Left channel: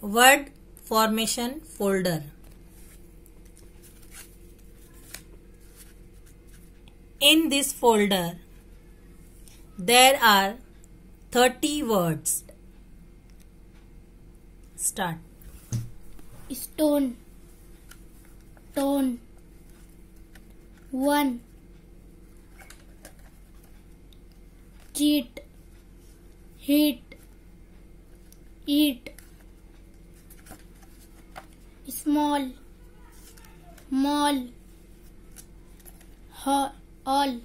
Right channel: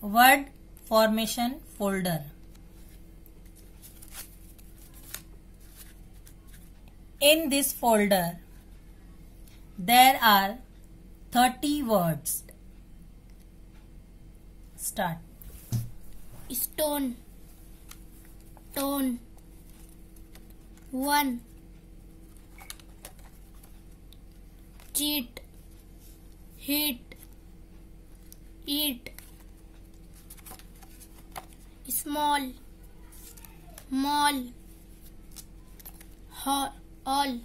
Word formation folder. In this folder, there are 30 words. Start. Stone, tone, one, cheat, heat, eat, small, mall, all,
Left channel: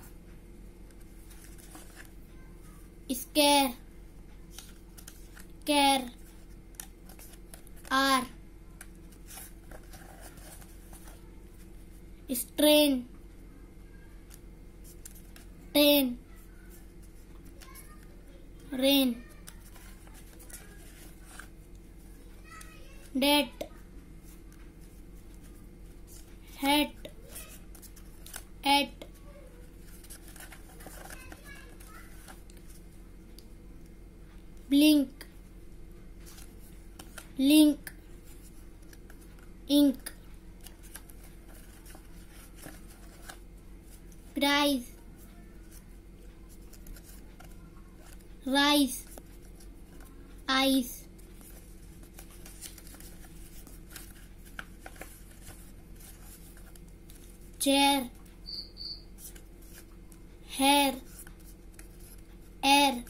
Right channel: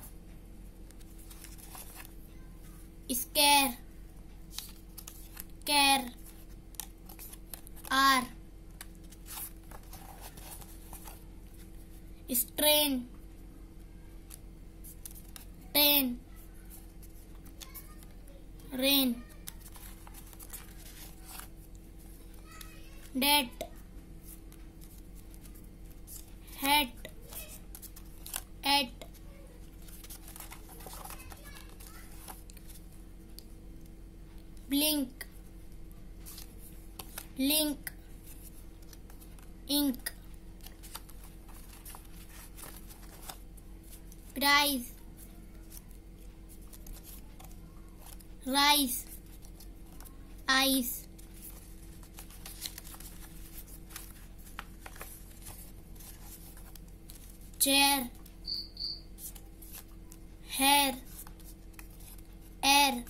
scare, care, are, strain, train, rain, date, hat, at, blink, link, ink, price, rice, ice, chair, hair, air,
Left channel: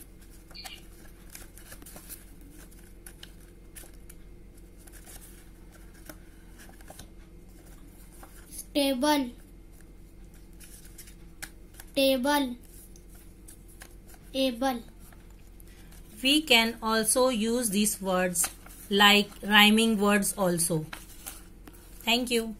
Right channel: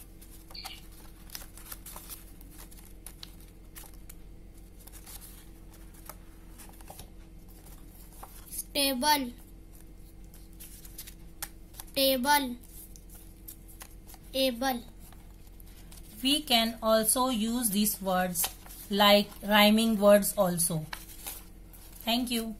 stable, table, able. We can also use these words like rhyming words also. Thank you.